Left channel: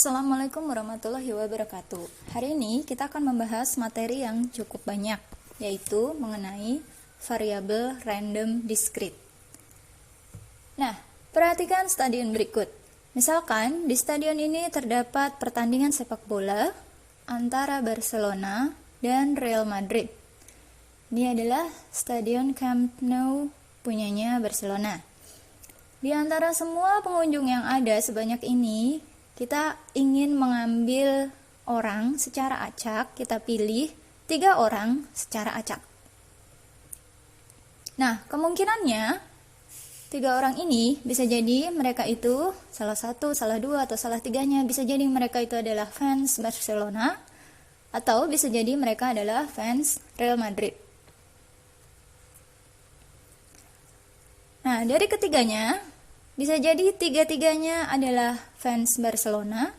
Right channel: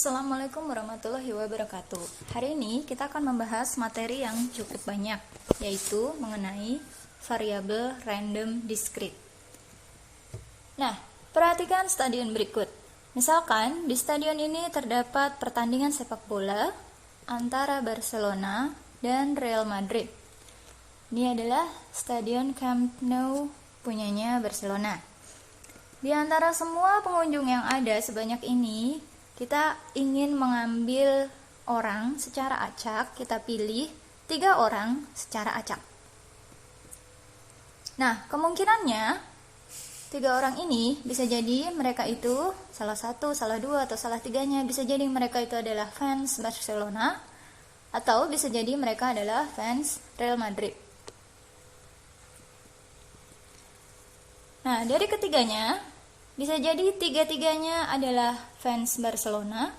Assalamualaikum warahmatullahi wabarakatuh. Hari ini kita akan membahas materi yang cukup banyak, yaitu mengenai variabel random discrete. Nah, perhatikan stadion berikut. Misalkan di stadion ini terdapat pertandingan sepak bola antara Barcelona dan Real Madrid. Ini adalah stadion Camp Nou punyanya Barcelona. Di antara semua pengunjung yang ada sebanyak ini, kita ingin mengambil orang secara acak, kita pilih 3 orang secara acak. Nah, kemungkinannya 3 orang ini bisa jadi mereka itu salah satu, salah dua, atau salah tiganya. Bisa jadi mereka itu adalah fans Barcelona, atau bisa jadi mereka adalah fans Real Madrid. Nah, dari ketiganya, bisa jadi 3-tiganya adalah fans Barcelona.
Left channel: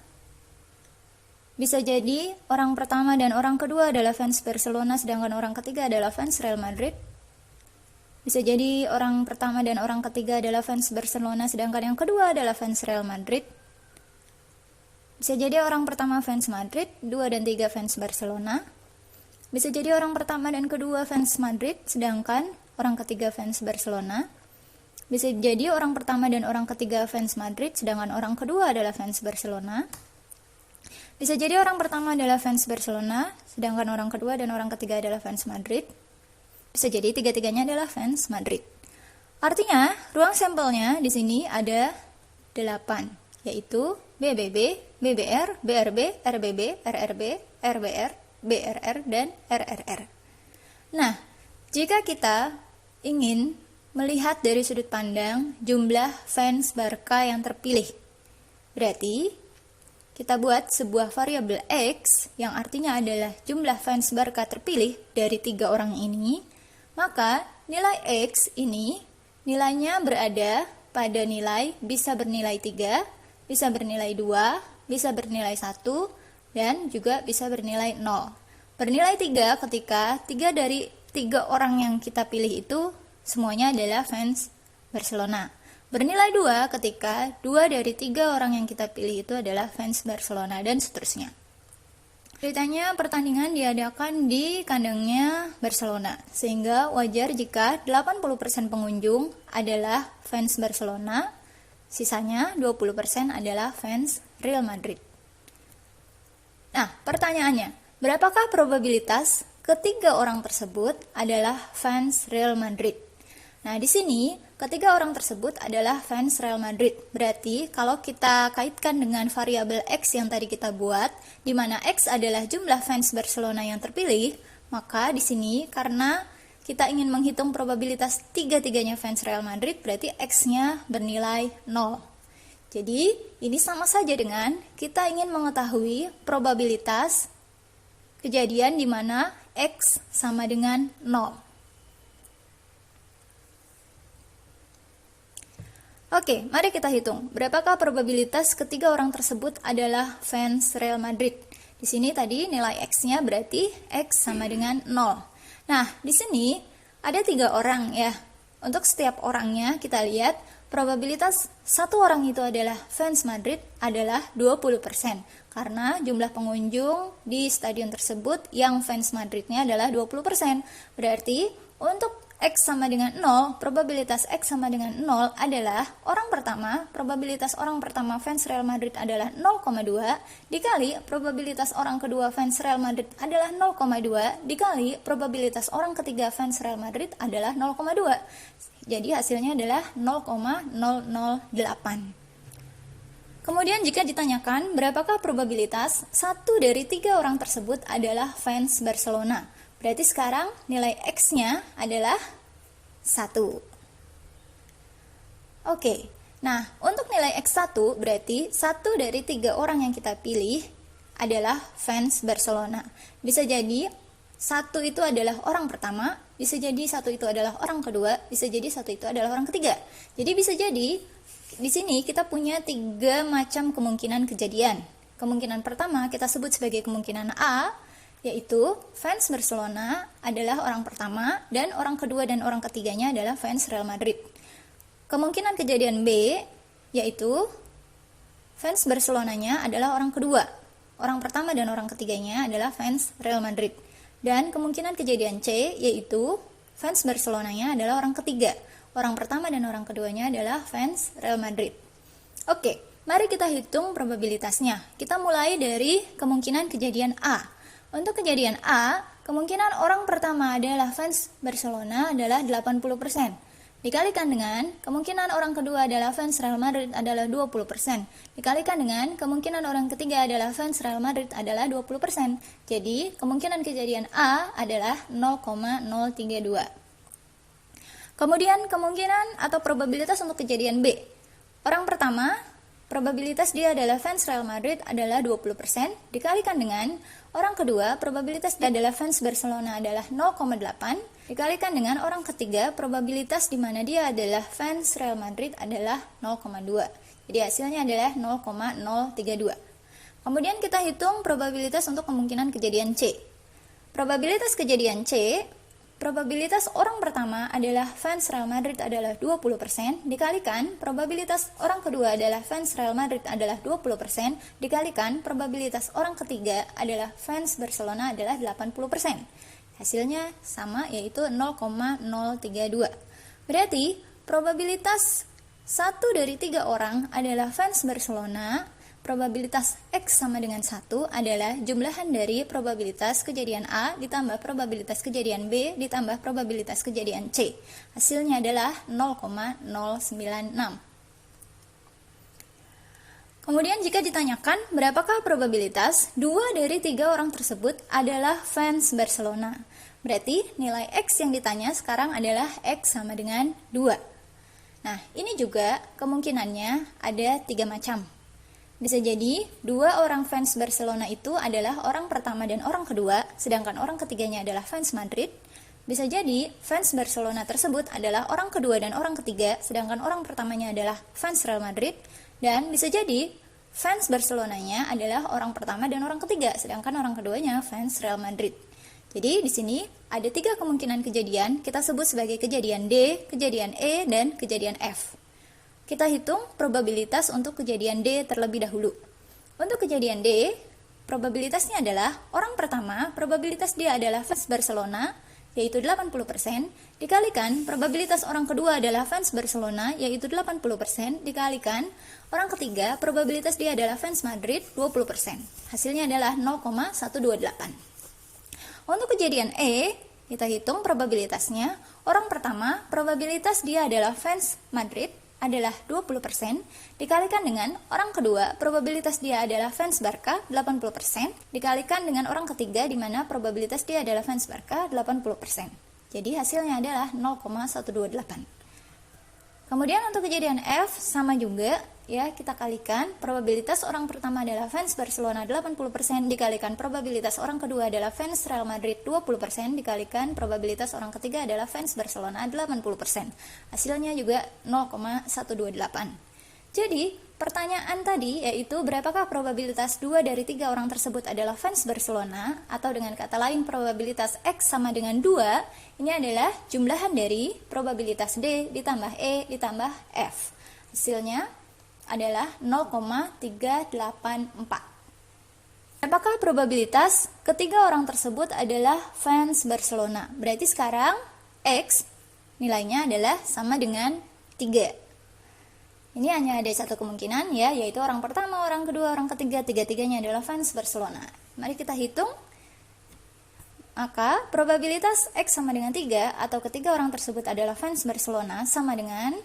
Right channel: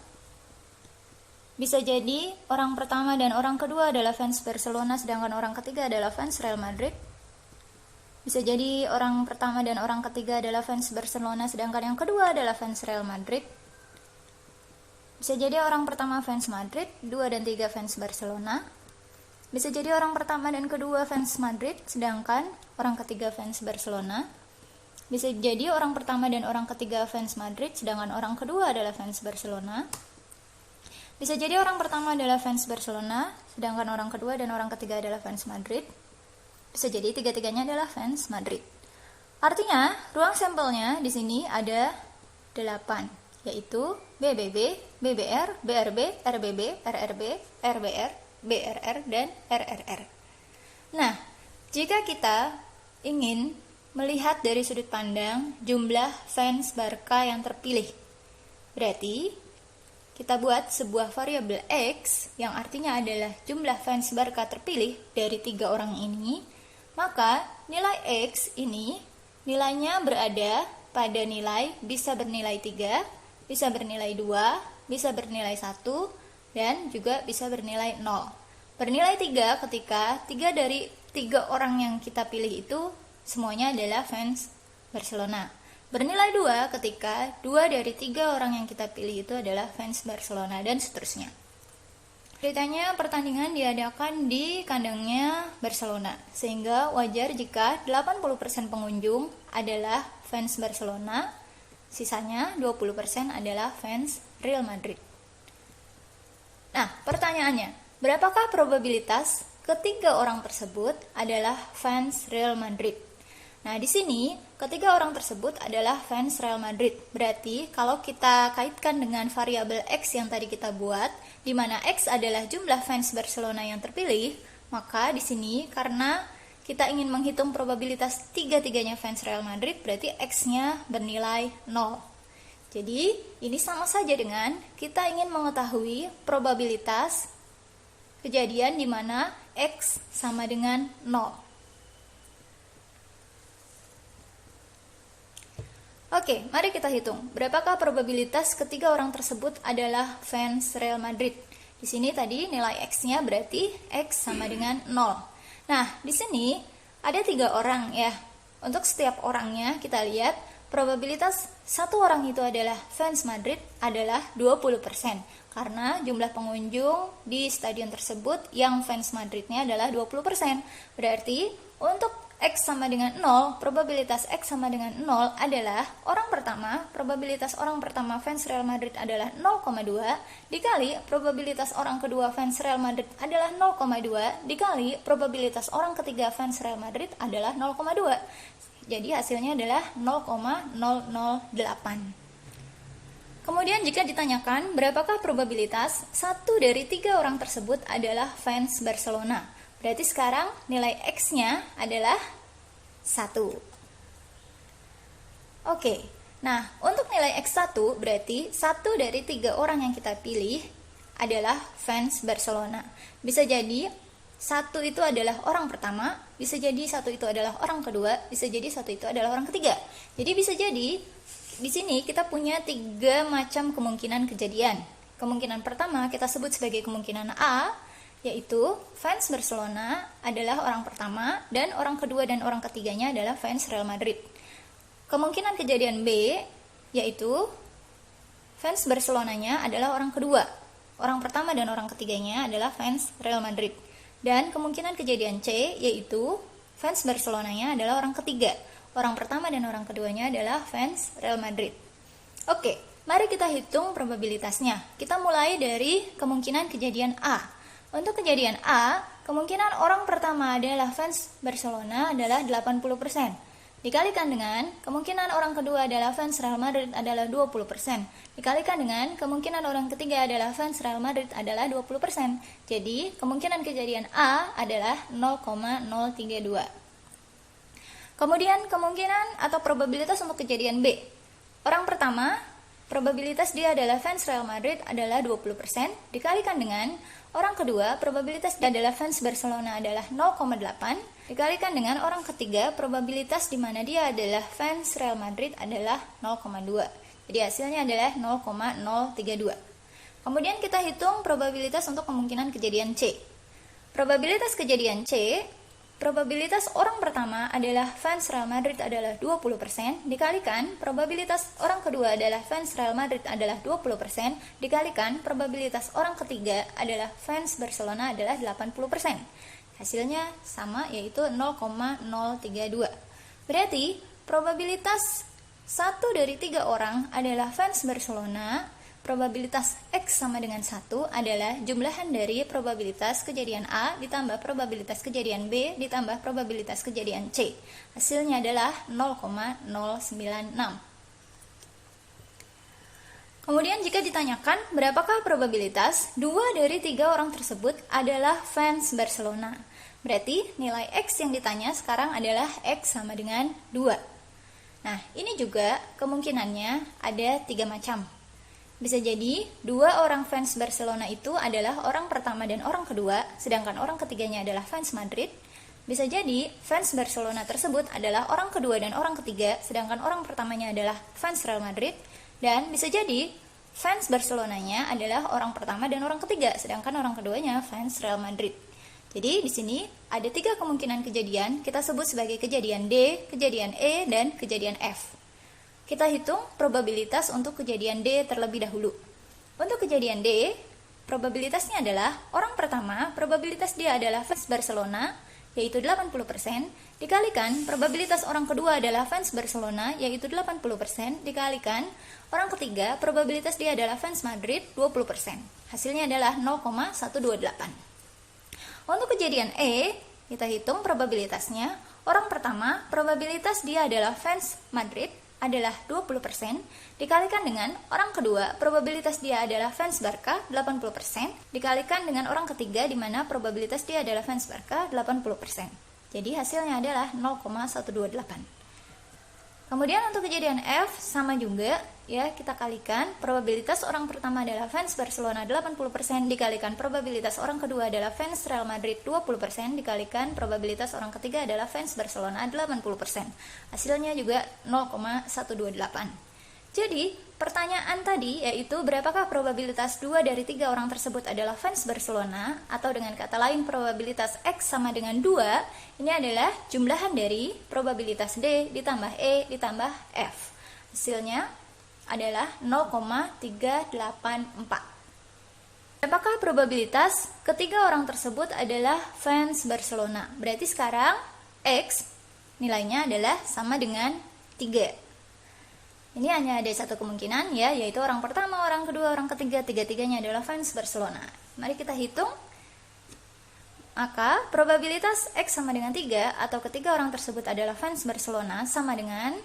Bisa jadi orang pertama dan orang kedua adalah fans Barcelona, sedangkan orang ketiga adalah fans Real Madrid. Bisa jadi orang pertama dan orang ketiga adalah fans Barcelona, sedangkan yang kedua adalah fans Real Madrid. Bisa jadi orang pertama fans Madrid, 2 dan 3 fans Barcelona. Bisa jadi orang pertama dan kedua fans Madrid, sedangkan orang ketiga fans Barcelona. Bisa jadi orang pertama dan orang ketiga fans Madrid, sedangkan orang kedua adalah fans Barcelona. Bisa jadi orang pertama adalah fans Barcelona, sedangkan orang kedua dan orang ketiga adalah fans Madrid. Bisa jadi 3-tiganya adalah fans Madrid. Artinya, ruang sampelnya di sini ada 8, yaitu BBB, BBR, BRB, RBB, RRB, RBR, BRR, dan RRR. Nah, jika kita ingin melihat dari sudut pandang jumlah fans Barca yang terpilih, berarti kita buat sebuah variabel X yang artinya adalah jumlah fans Barca terpilih dari 3 orang ini. Maka nilai X ini nilainya berada pada nilai bisa bernilai 3, bisa bernilai 2, bisa bernilai 1, dan juga bisa bernilai 0. Bernilai 3 ketika 3 dari 3 orang yang kita pilih itu semuanya adalah fans Barcelona. Bernilai 2 ketika 2 dari 3 orang yang kita pilih itu adalah fans Barcelona, dan seterusnya. Ceritanya pertandingan diadakan di kandangnya Barcelona, sehingga wajar jika 80% pengunjung adalah fans Barcelona, sisanya 20% adalah fans Real Madrid. Nah, pertanyaannya, berapakah probabilitas ketiga orang tersebut adalah fans Real Madrid? Nah, di sini ketiga orang tersebut adalah fans Real Madrid. Berarti kalau kita kaitkan dengan variabel X yang tadi kita buat, di mana X adalah jumlah fans Barcelona yang terpilih, maka di sini karena kita ingin menghitung probabilitas 3-tiganya fans Real Madrid, berarti X-nya bernilai 0. Jadi, ini sama saja dengan kita ingin mengetahui probabilitas kejadian di mana X sama dengan 0. Oke, mari kita hitung. Berapakah probabilitas ketiga orang tersebut adalah fans Real Madrid? Di sini tadi nilai X-nya berarti X sama dengan 0. Nah, di sini ada 3 orang ya. Untuk setiap orangnya kita lihat probabilitas satu orang itu adalah fans Madrid adalah 20%. Karena jumlah pengunjung di stadion tersebut yang fans Madridnya adalah 20%. Berarti untuk X sama dengan 0, probabilitas X sama dengan 0 adalah orang pertama, probabilitas orang pertama fans Real Madrid adalah 0,2 dikali probabilitas orang kedua fans Real Madrid adalah 0,2 dikali probabilitas orang ketiga fans Real Madrid adalah 0,2. Jadi hasilnya adalah 0,008. Kemudian jika ditanyakan berapakah probabilitas 1 dari 3 orang tersebut adalah fans Barcelona, berarti sekarang nilai X-nya adalah 1. Oke, nah untuk nilai X1 berarti 1 dari 3 orang yang kita pilih adalah fans Barcelona. Bisa jadi 1 itu adalah orang pertama, bisa jadi 1 itu adalah orang kedua, bisa jadi 1 itu adalah orang ketiga. Jadi bisa jadi di sini kita punya 3 macam kemungkinan kejadian. Kemungkinan pertama kita sebut sebagai kemungkinan A, yaitu fans Barcelona adalah orang pertama dan orang kedua dan orang ketiganya adalah fans Real Madrid. Kemungkinan kejadian B, yaitu fans Barcelonanya adalah orang kedua. Orang pertama dan orang ketiganya adalah fans Real Madrid. Dan kemungkinan kejadian C yaitu fans Barcelonanya adalah orang ketiga. Orang pertama dan orang keduanya adalah fans Real Madrid. Oke, mari kita hitung probabilitasnya. Kita mulai dari kemungkinan kejadian A. Untuk kejadian A, kemungkinan orang pertama adalah fans Barcelona adalah 80%. Dikalikan dengan kemungkinan orang kedua adalah fans Real Madrid adalah 20%. Dikalikan dengan kemungkinan orang ketiga adalah fans Real Madrid adalah 20%. Jadi, kemungkinan kejadian A adalah 0,032. Kemudian, kemungkinan atau probabilitas untuk kejadian B. Orang pertama, probabilitas dia adalah fans Real Madrid adalah 20%. Dikalikan dengan orang kedua, probabilitas dia adalah fans Barcelona adalah 0,8. Dikalikan dengan orang ketiga, probabilitas di mana dia adalah fans Real Madrid adalah 0,2. Jadi hasilnya adalah 0,032. Kemudian kita hitung probabilitas untuk kemungkinan kejadian C. Probabilitas kejadian C, probabilitas orang pertama adalah fans Real Madrid adalah 20%, dikalikan probabilitas orang kedua adalah fans Real Madrid adalah 20%, dikalikan probabilitas orang ketiga adalah fans Barcelona adalah 80%. Hasilnya sama, yaitu 0,032. Berarti probabilitas 1 dari 3 orang adalah fans Barcelona. Probabilitas X sama dengan 1 adalah jumlahan dari probabilitas kejadian A ditambah probabilitas kejadian B ditambah probabilitas kejadian C. Hasilnya adalah 0,096. Kemudian jika ditanyakan berapakah probabilitas 2 dari 3 orang tersebut adalah fans Barcelona, berarti nilai X yang ditanya sekarang adalah X sama dengan 2. Nah, ini juga kemungkinannya ada 3 macam. Bisa jadi 2 orang fans Barcelona itu adalah orang pertama dan orang kedua, sedangkan orang ketiganya adalah fans Madrid. Bisa jadi fans Barcelona tersebut adalah orang kedua dan orang ketiga, sedangkan orang pertamanya adalah fans Real Madrid. Dan bisa jadi fans Barcelonanya adalah orang pertama dan orang ketiga, sedangkan orang keduanya fans Real Madrid. Jadi di sini ada 3 kemungkinan kejadian, kita sebut sebagai kejadian D, kejadian E, dan kejadian F. Kita hitung probabilitas untuk kejadian D terlebih dahulu. Untuk kejadian D, probabilitasnya adalah orang pertama, probabilitas dia adalah fans Barcelona, yaitu 80%, dikalikan probabilitas orang kedua adalah fans Barcelona, yaitu 80%, dikalikan orang ketiga, probabilitas dia adalah fans Madrid, 20%. Hasilnya adalah 0,128. Untuk kejadian E, kita hitung probabilitasnya. Orang pertama, probabilitas dia adalah fans Madrid, adalah 20%, dikalikan dengan orang kedua, probabilitas dia adalah fans Barca, 80%, dikalikan dengan orang ketiga di mana probabilitas dia adalah fans Barca, 80%. Jadi hasilnya adalah 0,128. Kemudian untuk kejadian F sama juga, ya, kita kalikan probabilitas orang pertama adalah fans Barcelona 80% dikalikan probabilitas orang kedua adalah fans Real Madrid 20% dikalikan probabilitas orang ketiga adalah fans Barcelona 80%. Hasilnya juga 0,128. Jadi, pertanyaan tadi yaitu berapakah probabilitas 2 dari 3 orang tersebut adalah fans Barcelona, atau dengan kata lain probabilitas X sama dengan 2, ini adalah jumlahan dari probabilitas D ditambah E ditambah F. Hasilnya adalah 0,384. Berapakah probabilitas ketiga orang tersebut adalah fans Barcelona? Berarti sekarang X nilainya adalah sama dengan 3. Ini hanya ada satu kemungkinan, ya, yaitu orang pertama, orang kedua, orang ketiga, tiga-tiganya adalah fans Barcelona. Mari kita hitung. Maka probabilitas X sama dengan 3 atau ketiga orang tersebut adalah fans Barcelona sama dengan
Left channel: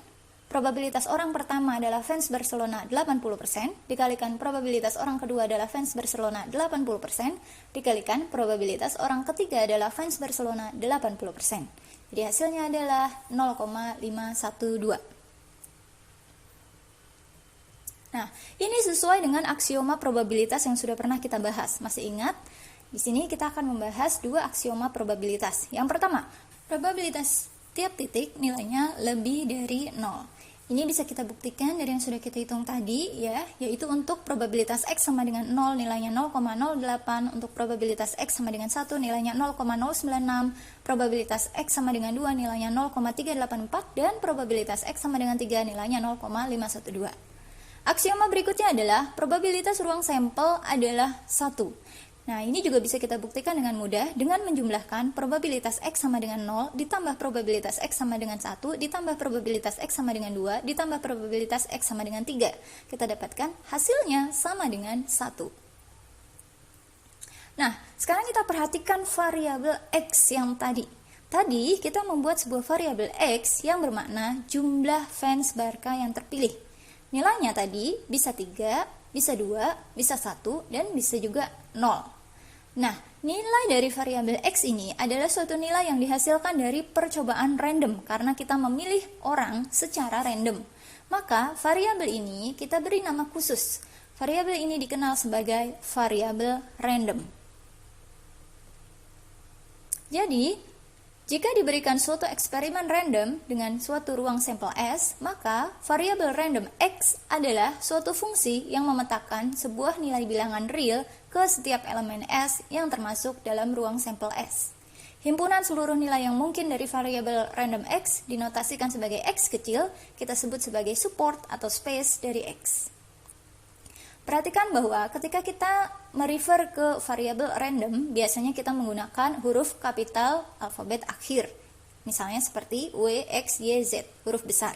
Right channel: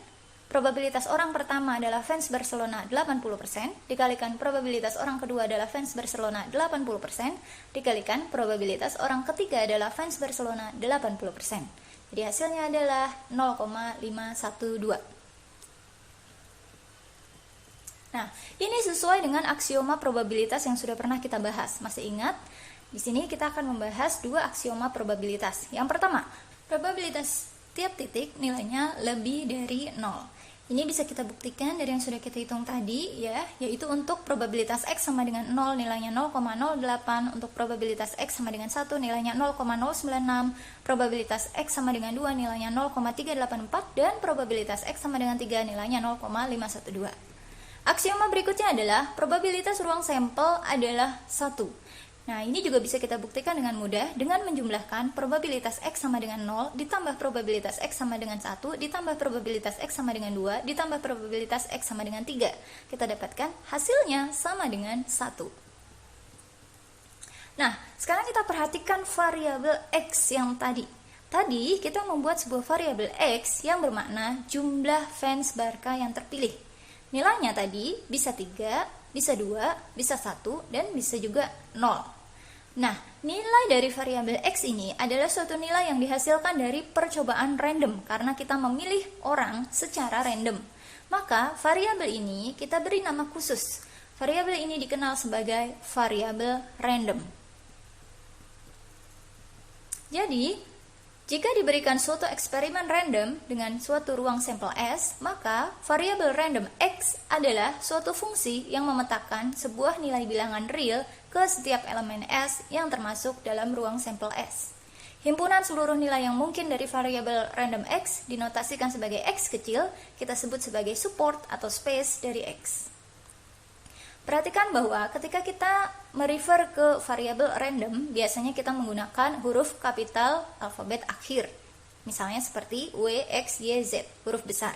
probabilitas orang pertama adalah fans Barcelona 80% dikalikan probabilitas orang kedua adalah fans Barcelona 80% dikalikan probabilitas orang ketiga adalah fans Barcelona 80%. Jadi hasilnya adalah 0,512. Nah, ini sesuai dengan aksioma probabilitas yang sudah pernah kita bahas. Masih ingat? Di sini kita akan membahas 2 aksioma probabilitas. Yang pertama, probabilitas tiap titik nilainya lebih dari 0. Ini bisa kita buktikan dari yang sudah kita hitung tadi, ya, yaitu untuk probabilitas X sama dengan 0 nilainya 0,08, untuk probabilitas X sama dengan 1 nilainya 0,096, probabilitas X sama dengan 2 nilainya 0,384, dan probabilitas X sama dengan 3 nilainya 0,512. Aksioma berikutnya adalah probabilitas ruang sampel adalah 1. Nah, ini juga bisa kita buktikan dengan mudah dengan menjumlahkan probabilitas X sama dengan 0 ditambah probabilitas X sama dengan 1 ditambah probabilitas X sama dengan 2 ditambah probabilitas X sama dengan 3. Kita dapatkan hasilnya sama dengan 1. Nah, sekarang kita perhatikan variabel X yang tadi. Tadi kita membuat sebuah variabel X yang bermakna jumlah fans Barca yang terpilih. Nilainya tadi bisa 3, bisa 2, bisa 1, dan bisa juga 0. Nah, nilai dari variabel X ini adalah suatu nilai yang dihasilkan dari percobaan random karena kita memilih orang secara random. Maka, variabel ini kita beri nama khusus. Variabel ini dikenal sebagai variabel random. Jadi, jika diberikan suatu eksperimen random dengan suatu ruang sampel S, maka variabel random X adalah suatu fungsi yang memetakan sebuah nilai bilangan real ke setiap elemen S yang termasuk dalam ruang sampel S. Himpunan seluruh nilai yang mungkin dari variabel random X dinotasikan sebagai X kecil, kita sebut sebagai support atau space dari X. Perhatikan bahwa ketika kita merefer ke variabel random, biasanya kita menggunakan huruf kapital alfabet akhir. Misalnya seperti W, X, Y, Z, huruf besar.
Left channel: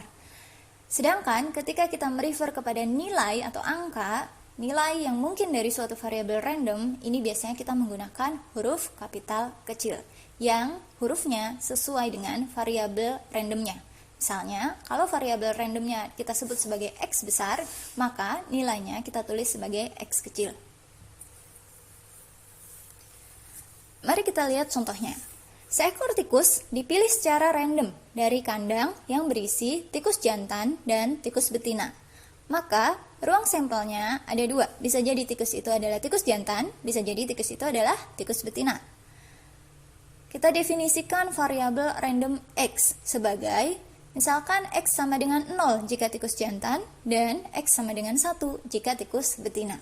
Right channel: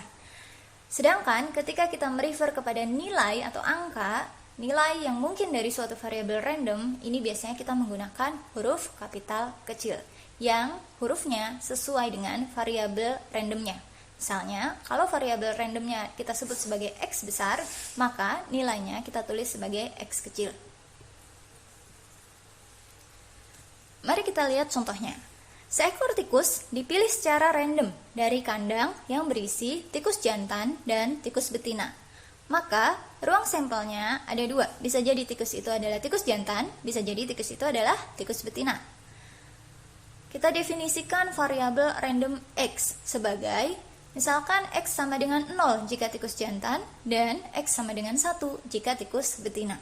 Sedangkan ketika kita merefer kepada nilai atau angka, nilai yang mungkin dari suatu variabel random, ini biasanya kita menggunakan huruf kapital kecil, yang hurufnya sesuai dengan variabel randomnya. Misalnya, kalau variabel randomnya kita sebut sebagai X besar, maka nilainya kita tulis sebagai X kecil. Mari kita lihat contohnya. Seekor tikus dipilih secara random dari kandang yang berisi tikus jantan dan tikus betina. Maka, ruang sampelnya ada 2. Bisa jadi tikus itu adalah tikus jantan, bisa jadi tikus itu adalah tikus betina. Kita definisikan variabel random X sebagai misalkan X sama dengan 0 jika tikus jantan dan X sama dengan 1 jika tikus betina.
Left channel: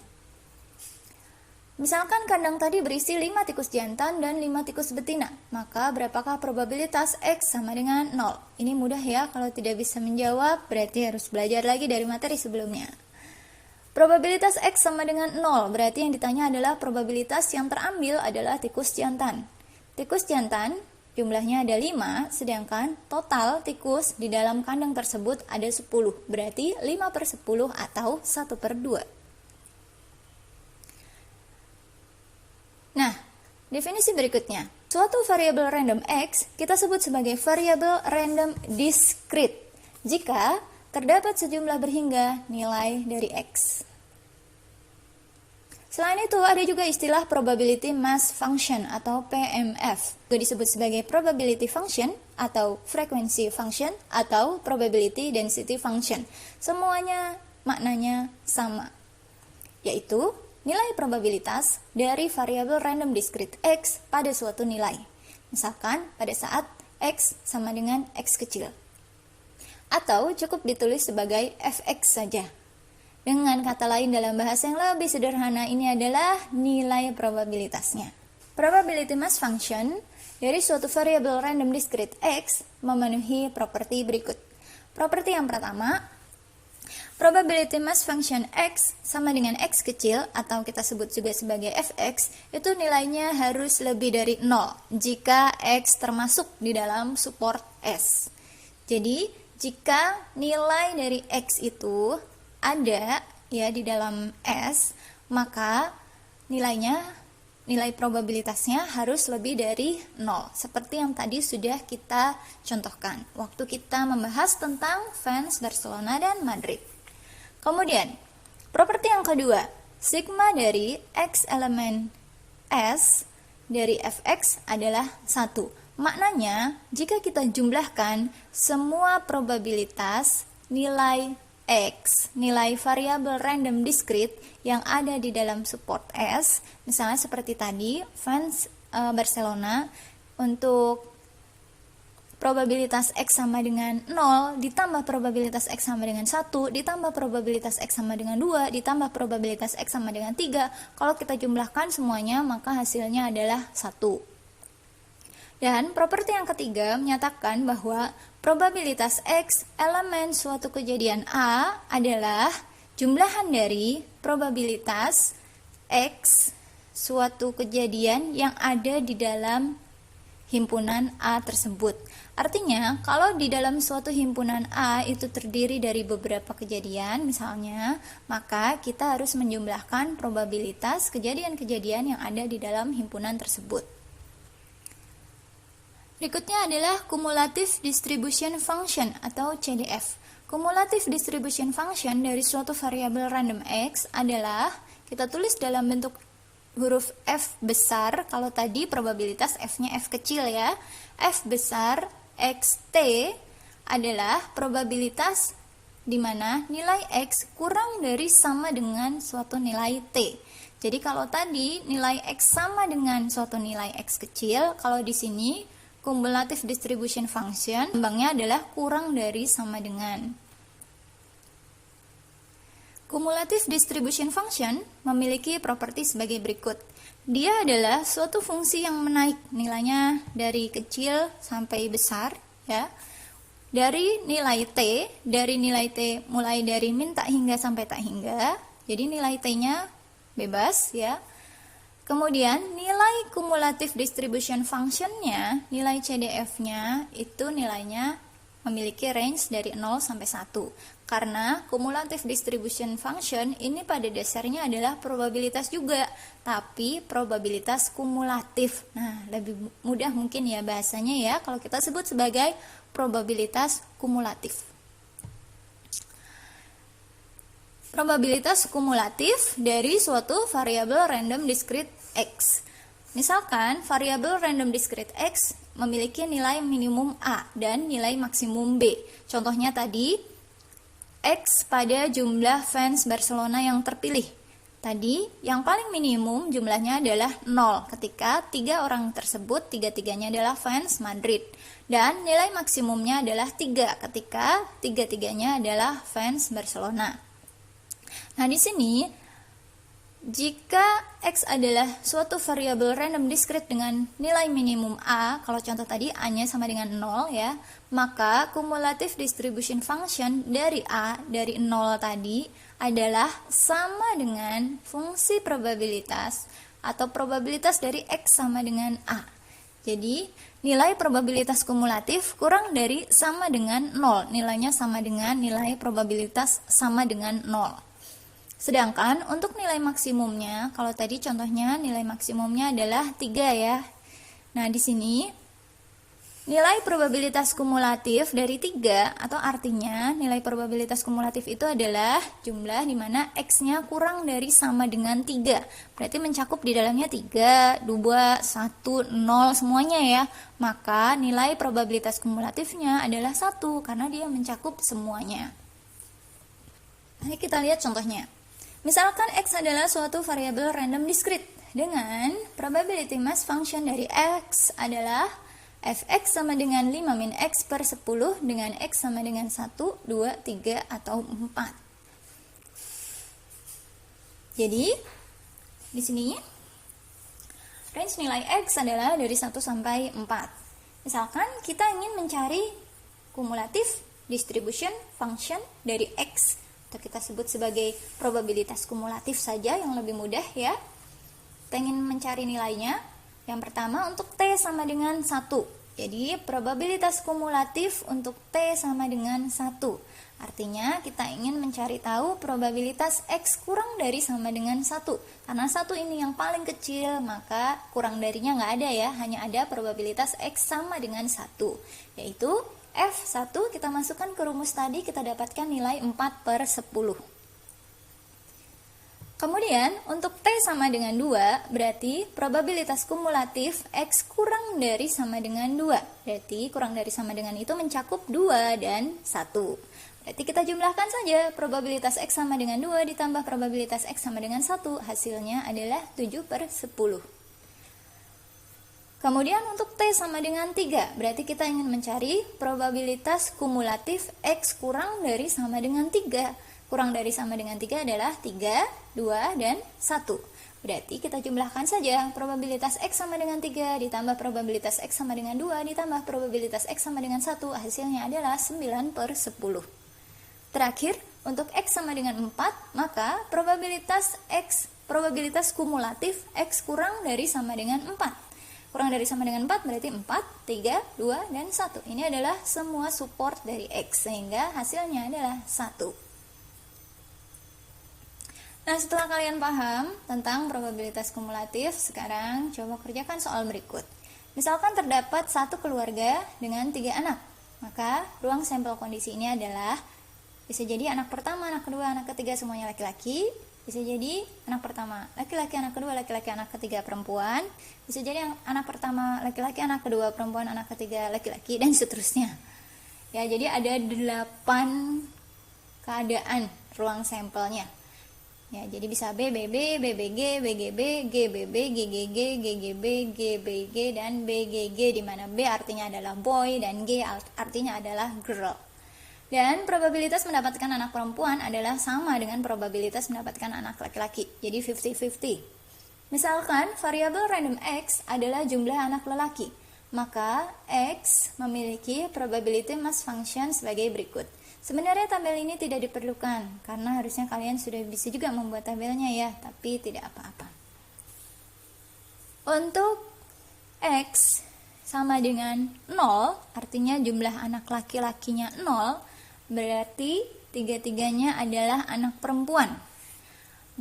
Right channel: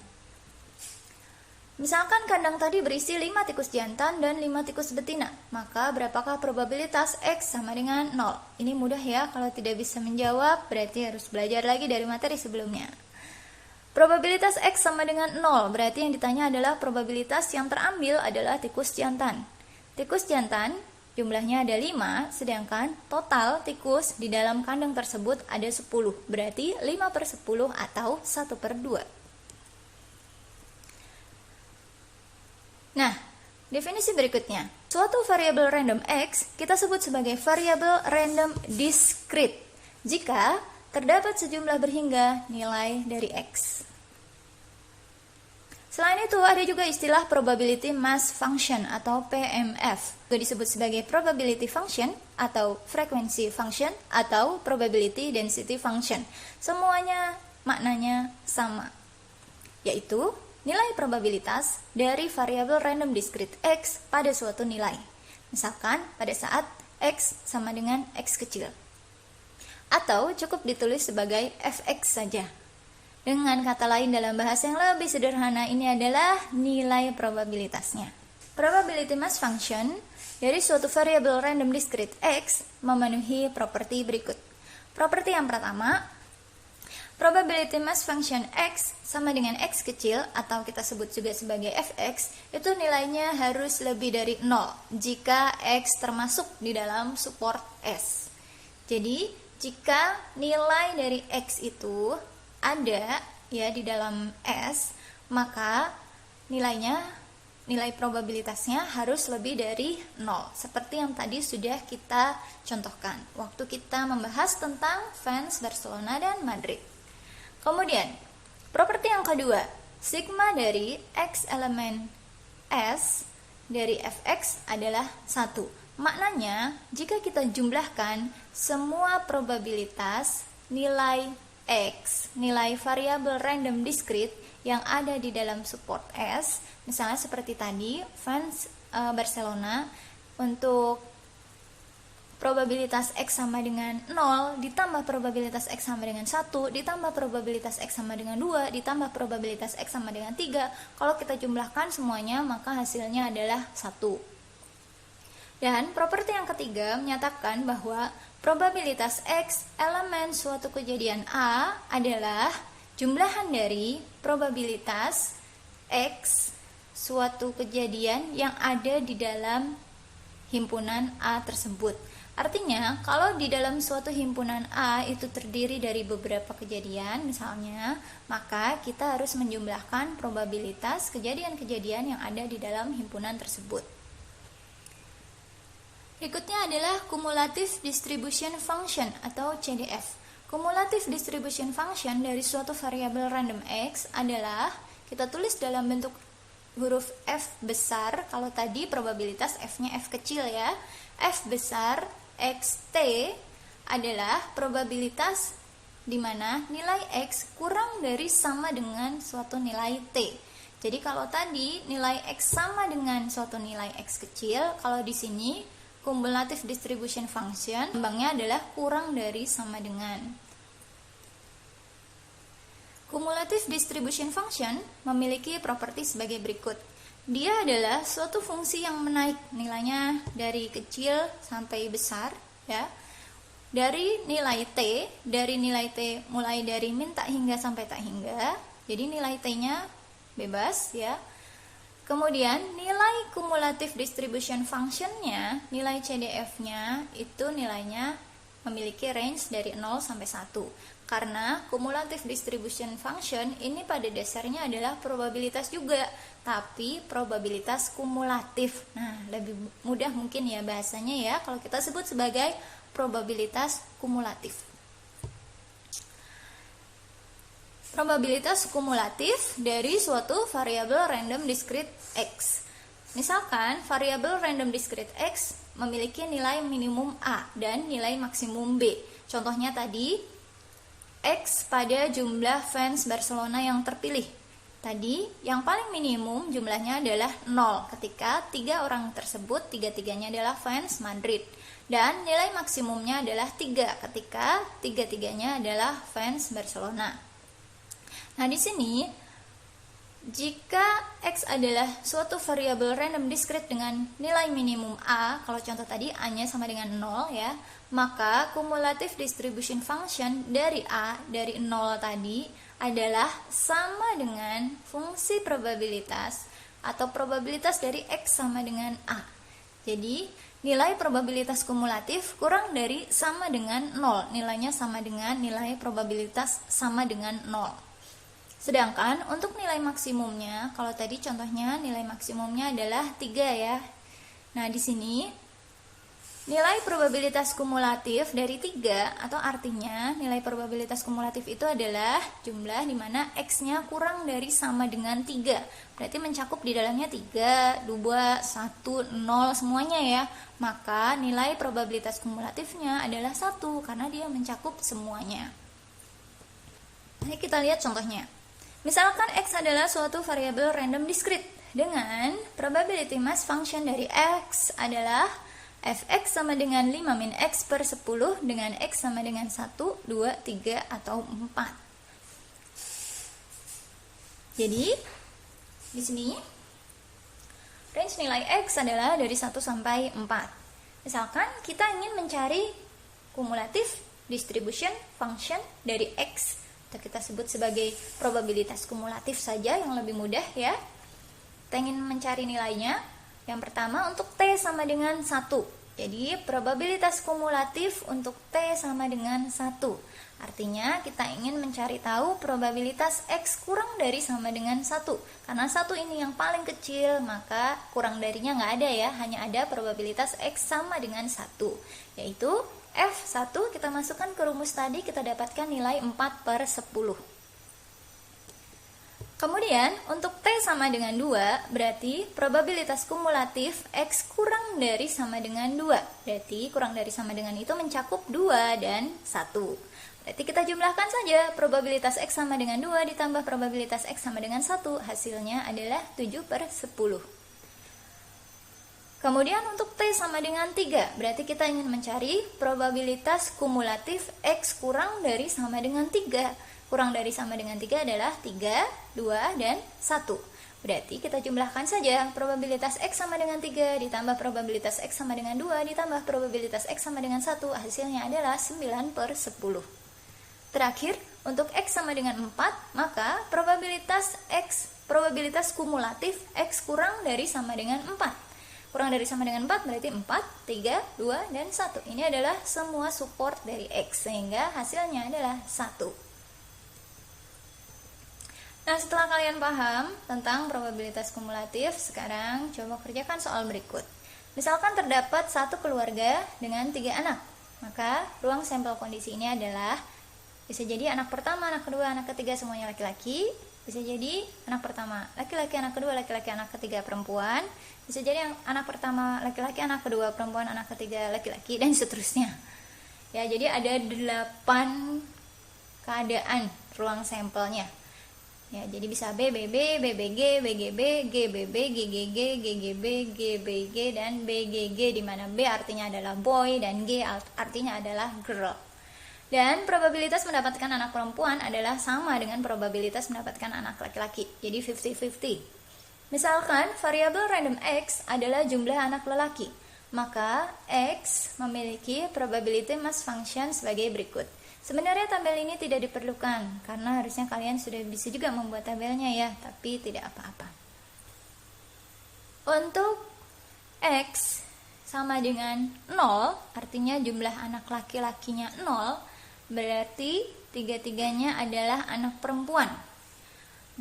Misalkan kandang tadi berisi 5 tikus jantan dan 5 tikus betina, maka berapakah probabilitas X sama dengan 0? Ini mudah ya, kalau tidak bisa menjawab berarti harus belajar lagi dari materi sebelumnya. Probabilitas X sama dengan 0, berarti yang ditanya adalah probabilitas yang terambil adalah tikus jantan. Tikus jantan jumlahnya ada 5, sedangkan total tikus di dalam kandang tersebut ada 10, berarti 5/10 atau 1/2. Nah, definisi berikutnya. Suatu variabel random X kita sebut sebagai variabel random discrete jika terdapat sejumlah berhingga nilai dari X. Selain itu, ada juga istilah probability mass function atau PMF. Juga disebut sebagai probability function atau frequency function atau probability density function. Semuanya maknanya sama, yaitu nilai probabilitas dari variabel random discrete X pada suatu nilai. Misalkan pada saat X sama dengan X kecil. Atau cukup ditulis sebagai Fx saja. Dengan kata lain dalam bahasa yang lebih sederhana, ini adalah nilai probabilitasnya. Probability mass function dari suatu variabel random discrete X memenuhi properti berikut. Properti yang pertama, probability mass function X sama dengan X kecil atau kita sebut juga sebagai Fx, itu nilainya harus lebih dari 0 jika X termasuk di dalam support S. Jadi, jika nilai dari X itu ada ya di dalam S, maka nilai probabilitasnya harus lebih dari 0, seperti yang tadi sudah kita contohkan waktu kita membahas tentang fans Barcelona dan Madrid. Kemudian, properti yang kedua, sigma dari X elemen S dari Fx adalah 1. Maknanya, jika kita jumlahkan semua probabilitas nilai X, nilai variabel random discrete yang ada di dalam support S, misalnya seperti tadi, fans Barcelona, untuk probabilitas X sama dengan 0, ditambah probabilitas X sama dengan 1, ditambah probabilitas X sama dengan 2, ditambah probabilitas X sama dengan 3, kalau kita jumlahkan semuanya, maka hasilnya adalah 1. Dan properti yang ketiga menyatakan bahwa probabilitas X elemen suatu kejadian A adalah jumlahan dari probabilitas X suatu kejadian yang ada di dalam himpunan A tersebut. Artinya, kalau di dalam suatu himpunan A itu terdiri dari beberapa kejadian misalnya, maka kita harus menjumlahkan probabilitas kejadian-kejadian yang ada di dalam himpunan tersebut. Berikutnya adalah cumulative distribution function atau CDF. Cumulative distribution function dari suatu variabel random X adalah kita tulis dalam bentuk huruf F besar. Kalau tadi probabilitas F-nya F kecil ya. F besar XT adalah probabilitas di mana nilai X kurang dari sama dengan suatu nilai T. Jadi kalau tadi nilai X sama dengan suatu nilai X kecil, kalau di sini cumulative distribution function kembangnya adalah kurang dari sama dengan. Cumulative distribution function memiliki properti sebagai berikut. Dia adalah suatu fungsi yang menaik nilainya dari kecil sampai besar ya. Dari nilai T mulai dari min tak hingga sampai tak hingga. Jadi nilai T-nya bebas ya. Kemudian nilai cumulative distribution function-nya, nilai CDF-nya itu nilainya memiliki range dari 0 sampai 1. Karena cumulative distribution function ini pada dasarnya adalah probabilitas juga, tapi probabilitas kumulatif. Nah, lebih mudah mungkin ya bahasanya ya kalau kita sebut sebagai probabilitas kumulatif. Probabilitas kumulatif dari suatu variabel random discrete X. Misalkan variabel random discrete X memiliki nilai minimum A dan nilai maksimum B. Contohnya tadi X pada jumlah fans Barcelona yang terpilih. Tadi yang paling minimum jumlahnya adalah 0 ketika 3 orang tersebut tiga-tiganya adalah fans Madrid. Dan nilai maksimumnya adalah 3 ketika tiga-tiganya adalah fans Barcelona. Nah, di sini jika X adalah suatu variabel random discrete dengan nilai minimum A, kalau contoh tadi A-nya sama dengan 0 ya, maka cumulative distribution function dari A, dari 0 tadi adalah sama dengan fungsi probabilitas atau probabilitas dari X sama dengan A. Jadi, nilai probabilitas kumulatif kurang dari sama dengan 0. Nilainya sama dengan nilai probabilitas sama dengan 0. Sedangkan untuk nilai maksimumnya, kalau tadi contohnya nilai maksimumnya adalah 3 ya. Nah, di sini nilai probabilitas kumulatif dari 3 atau artinya nilai probabilitas kumulatif itu adalah jumlah di mana X-nya kurang dari sama dengan 3. Berarti mencakup di dalamnya 3, 2, 1, 0 semuanya ya. Maka nilai probabilitas kumulatifnya adalah 1 karena dia mencakup semuanya. Nah, kita lihat contohnya. Misalkan X adalah suatu variabel random discrete dengan probability mass function dari X adalah Fx sama dengan 5 min X per 10 dengan X sama dengan 1, 2, 3, atau 4. Jadi, di sini range nilai X adalah dari 1 sampai 4. Misalkan kita ingin mencari cumulative distribution function dari X, atau kita sebut sebagai probabilitas kumulatif saja yang lebih mudah ya. Kita ingin mencari nilainya. Yang pertama untuk T sama dengan 1. Jadi probabilitas kumulatif untuk T sama dengan 1. Artinya kita ingin mencari tahu probabilitas X kurang dari sama dengan 1. Karena 1 ini yang paling kecil, maka kurang darinya nggak ada ya. Hanya ada probabilitas X sama dengan 1. Yaitu F1 kita masukkan ke rumus tadi, kita dapatkan nilai 4 per 10. Kemudian untuk T sama dengan 2, berarti probabilitas kumulatif X kurang dari sama dengan 2. Berarti kurang dari sama dengan itu mencakup 2 dan 1. Berarti kita jumlahkan saja probabilitas X sama dengan 2 ditambah probabilitas X sama dengan 1. Hasilnya adalah 7 per 10. Kemudian untuk T sama dengan 3, berarti kita ingin mencari probabilitas kumulatif X kurang dari sama dengan 3. Kurang dari sama dengan 3 adalah 3, 2, dan 1. Berarti kita jumlahkan saja probabilitas X sama dengan 3 ditambah probabilitas X sama dengan 2 ditambah probabilitas X sama dengan 1. Hasilnya adalah 9 per 10. Terakhir, untuk X sama dengan 4, maka probabilitas kumulatif X kurang dari sama dengan 4. Kurang dari sama dengan 4 berarti 4, 3, 2, dan 1. Ini adalah semua support dari X, sehingga hasilnya adalah 1. Nah, setelah kalian paham tentang probabilitas kumulatif, sekarang coba kerjakan soal berikut. Misalkan terdapat satu keluarga dengan 3 anak, maka ruang sampel kondisi ini adalah bisa jadi anak pertama, anak kedua, anak ketiga semuanya laki-laki. Bisa jadi anak pertama laki-laki, anak kedua laki-laki, anak ketiga perempuan. Bisa jadi anak pertama laki-laki, anak kedua perempuan, anak ketiga laki-laki, dan seterusnya. Ya, jadi ada 8 keadaan ruang sampelnya. Ya, jadi bisa BBB, BBG, BGB, GBB, GGG, GGB, GBG, dan BGG, di mana B artinya adalah boy dan G artinya adalah girl. Dan probabilitas mendapatkan anak perempuan adalah sama dengan probabilitas mendapatkan anak laki-laki, jadi 50-50. Misalkan variabel random X adalah jumlah anak lelaki, maka X memiliki probability mass function sebagai berikut. Sebenarnya tabel ini tidak diperlukan, karena harusnya kalian sudah bisa juga membuat tabelnya ya, tapi tidak apa-apa. Untuk X sama dengan 0, artinya jumlah anak laki-lakinya 0, berarti tiga-tiganya adalah anak perempuan.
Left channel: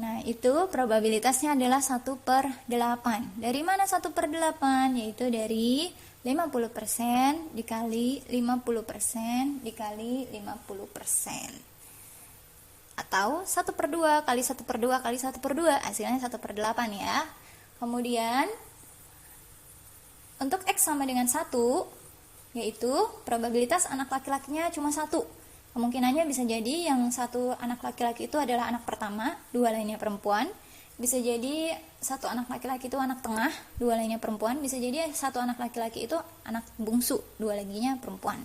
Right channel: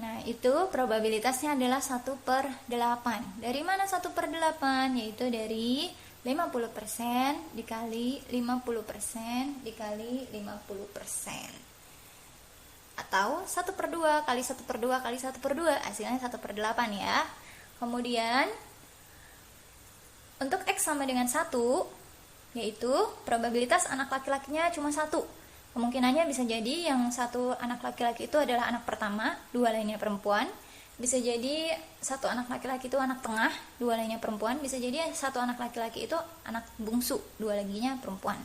Nah, itu probabilitasnya adalah 1/8. Dari mana 1/8? Yaitu dari 50% dikali 50% dikali 50. Atau 1/2 kali 1/2 kali 1/2, hasilnya 1/8 ya. Kemudian untuk X sama dengan 1, yaitu probabilitas anak laki-lakinya cuma 1. Kemungkinannya bisa jadi yang satu anak laki-laki itu adalah anak pertama, 2 lainnya perempuan. Bisa jadi satu anak laki-laki itu anak tengah, 2 lainnya perempuan. Bisa jadi satu anak laki-laki itu anak bungsu, 2 laginya perempuan.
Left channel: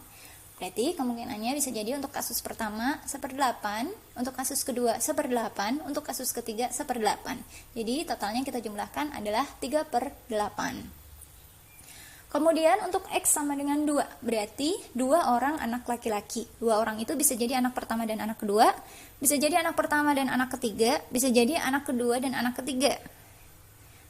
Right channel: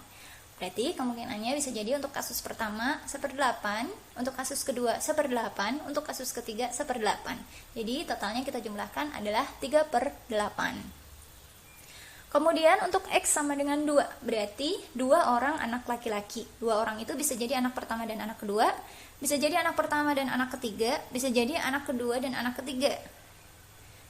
Berarti kemungkinannya bisa jadi untuk kasus pertama 1/8, untuk kasus kedua 1/8, untuk kasus ketiga 1/8. Jadi totalnya kita jumlahkan adalah 3/8. Kemudian untuk X sama dengan 2, berarti 2 orang anak laki-laki. 2 orang itu bisa jadi anak pertama dan anak kedua, bisa jadi anak pertama dan anak ketiga, bisa jadi anak kedua dan anak ketiga.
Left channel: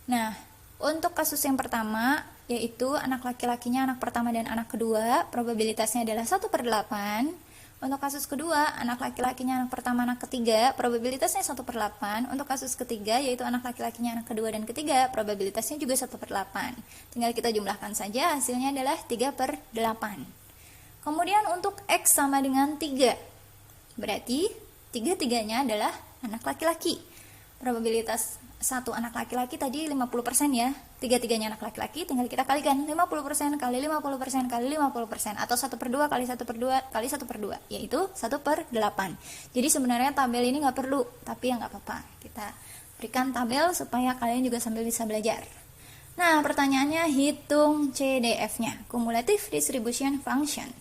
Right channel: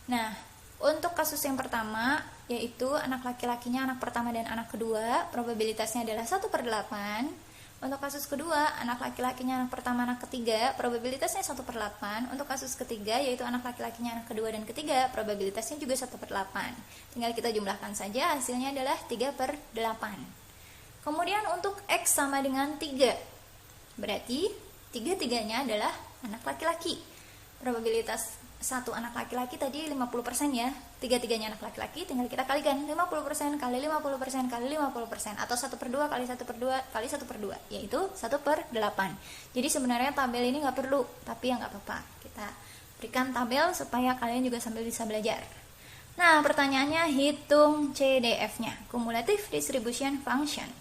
Nah, untuk kasus yang pertama, yaitu anak laki-lakinya anak pertama dan anak kedua, probabilitasnya adalah 1/8. Untuk kasus kedua, anak laki-lakinya anak pertama, anak ketiga, probabilitasnya 1/8. Untuk kasus ketiga, yaitu anak laki-lakinya anak kedua dan ketiga, probabilitasnya juga 1/8. Tinggal kita jumlahkan saja, hasilnya adalah 3/8. Kemudian untuk X sama dengan 3, berarti tiga-tiganya adalah anak laki-laki. Probabilitas satu anak laki-laki tadi 50% ya, tiga-tiganya anak laki-laki, tinggal kita kalikan 50% kali 50% kali 50%, atau 1/2 kali 1/2 kali 1/2, yaitu 1/8. Jadi sebenarnya tabel ini nggak perlu, tapi ya nggak apa-apa, kita berikan tabel supaya kalian juga sambil bisa belajar. Nah, pertanyaannya hitung CDF-nya, Cumulative Distribution Function.